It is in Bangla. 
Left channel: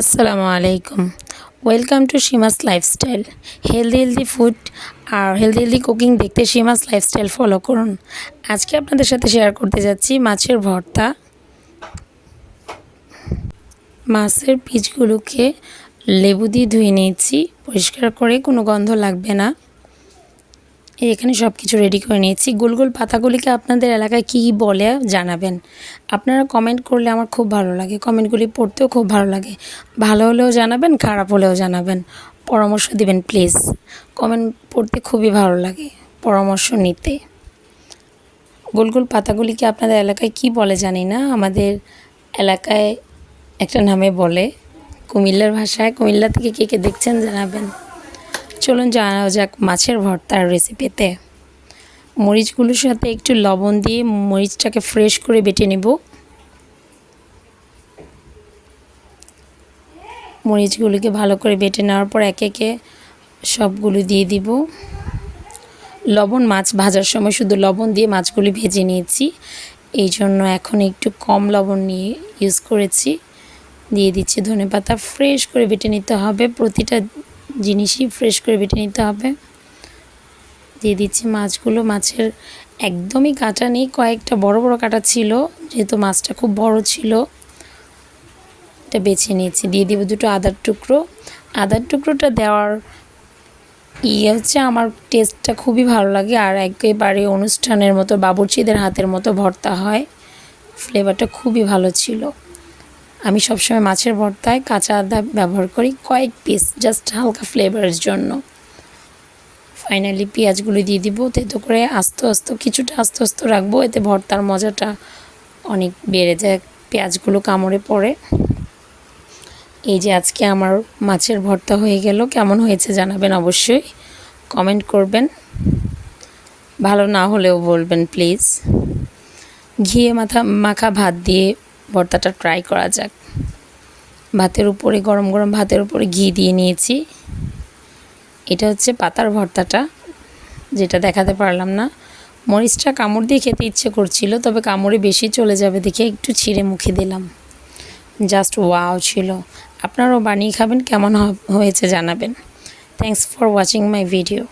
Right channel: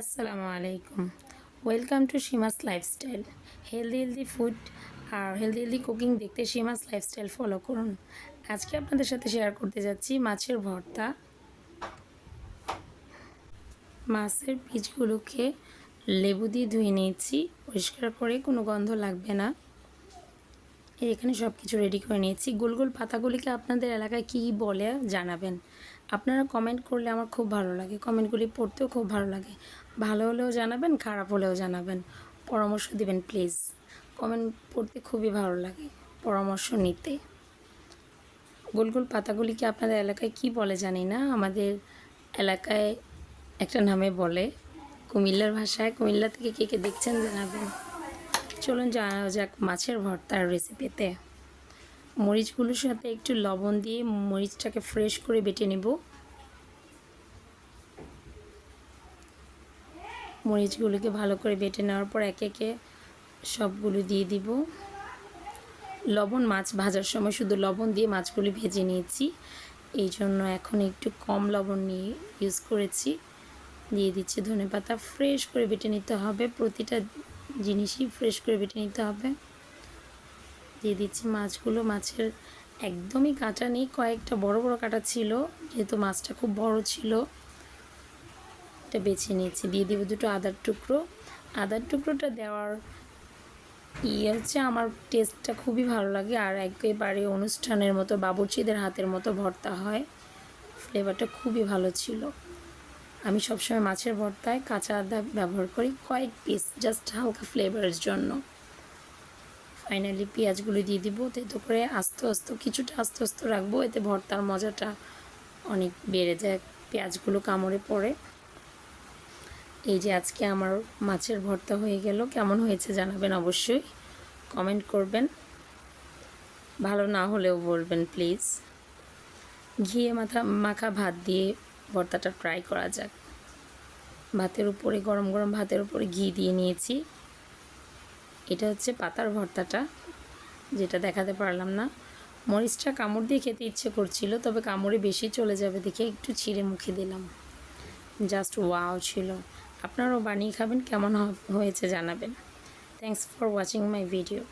আসসালামু আলাইকুম। Welcome to Seema's lifestyle healthy healthy food R healthy healthy cooking দেখতে সীমাস লাইফস্টাইল ফলো করুন। আজকে আপনাদের সাথে শেয়ার করতে যাচ্ছি মাছের ভর্তা। মাছের পিচগুলোকে লেবু দিয়ে ধুয়ে নিয়েছি। পরিষ্কার করে কোনো গন্ধ লাগবে না। এখানে সব কিছু রেডি করে নিয়েছি। গোল গোল পাতাগুলিকে আপনাদের এলাকায় কী বলে জানাবেন। আপনারা কমেন্ট করলে আমার খুব ভালো লাগে। কমেন্টগুলি পড়তেও খুব ভালো লাগে। ভালো হলেও জানাবেন, খারাপ হলেও জানাবেন। পরামর্শ দিবেন প্লিজ কমেন্ট পড়তে খুবই ভালো লাগে, পরামর্শ নিতে। গোল গোল পাতাগুলিকে আপনাদের এলাকায় কি বলে জানি না। আমাদের এলাকায় একটা নামে বলে। কুমিল্লার ভাষায় কুমিল্লা থেকে কে কে দেখছেন জানাবেন। চলুন জানা যাক মাছের ভর্তার রেসিপিতে মরিচগুলোর সাথে একটু লবণ দিয়ে মরিচটাকে ফ্রেশ করে বেটে নেব। মরিচগুলোকে ভালো করে বেটে নেওয়ার পর একে একে সবগুলো দিয়ে দিব। লবণ মাছ ভাজার সময় শুধু লবণ দিয়ে মাছগুলি ভেজে নিয়েছি। এই জন্য এখন একটু কম লবণ নিয়ে ইউজ করেছি। দিয়ে দিচ্ছি ধনে পাতা ফ্রেশ করে বেটে নিতে হবে। প্রতিটা জিনিসই ফ্রেশ করে বেটে নিতে হবে। দিয়ে দিচ্ছি মাছগুলো। মাছের একদমই কাটা নেই, কয়েকটা বড় বড় কাটা ছিল, যেহেতু মাছটা খুব বড় ছিল। এটা বেছে নিয়েছি। দিয়ে দিব দুটো আদার টুকরো। আদার টুকরোটা দেওয়ার ইয়ে হচ্ছে আমার টেস্টটা খুবই ভালো লাগে আর একেবারে অনুষ্ঠানের মতো বাবুর্চিদের হাতের মতো ভর্তা হয়। ফ্লেভারটা খুবই ভালো ছিল। আমি সবসময় মাছের ভর্তায় কাঁচা আদা ব্যবহার করি কয়েক পিস জাস্ট হালকা ফ্লেভারের জন্য। ফাইনালি পেঁয়াজগুলো দিয়ে দিব, তেতো করে আস্তে আস্তে, কিছুটা আস্তে আস্তে রাখব, এতে ভর্তার মজাটা অনেক বেড়ে যায়, পেঁয়াজগুলো কামড়ে পড়ে। এই যে আজকে আমার মাছের ভর্তা হয়ে গেল, কেমন হয়েছে জানাবেন অবশ্যই কমেন্ট করবেন। ভালো না হলেও বলবেন প্লিজ ঘিয়ে মাথা, মাখা ভাত দিয়ে ভর্তাটা ট্রাই করা যাক। ভাতের উপরে, গরম গরম ভাতের উপরে ঘি দিয়ে নিয়েছি। এটা হচ্ছে পাতার ভর্তাটা, যেটা দেখাতে পারলাম না। মরিচটা কামড় দিয়ে খেতে ইচ্ছে করছিল, তবে কামড়ে বেশি চলে যাবে দেখে একটু ছিঁড়ে মুখে দিলাম। জাস্ট ওয়াও ছিল। আপনারাও বানিয়ে খাবেন, কেমন হয়েছে জানাবেন। Thanks for watching my video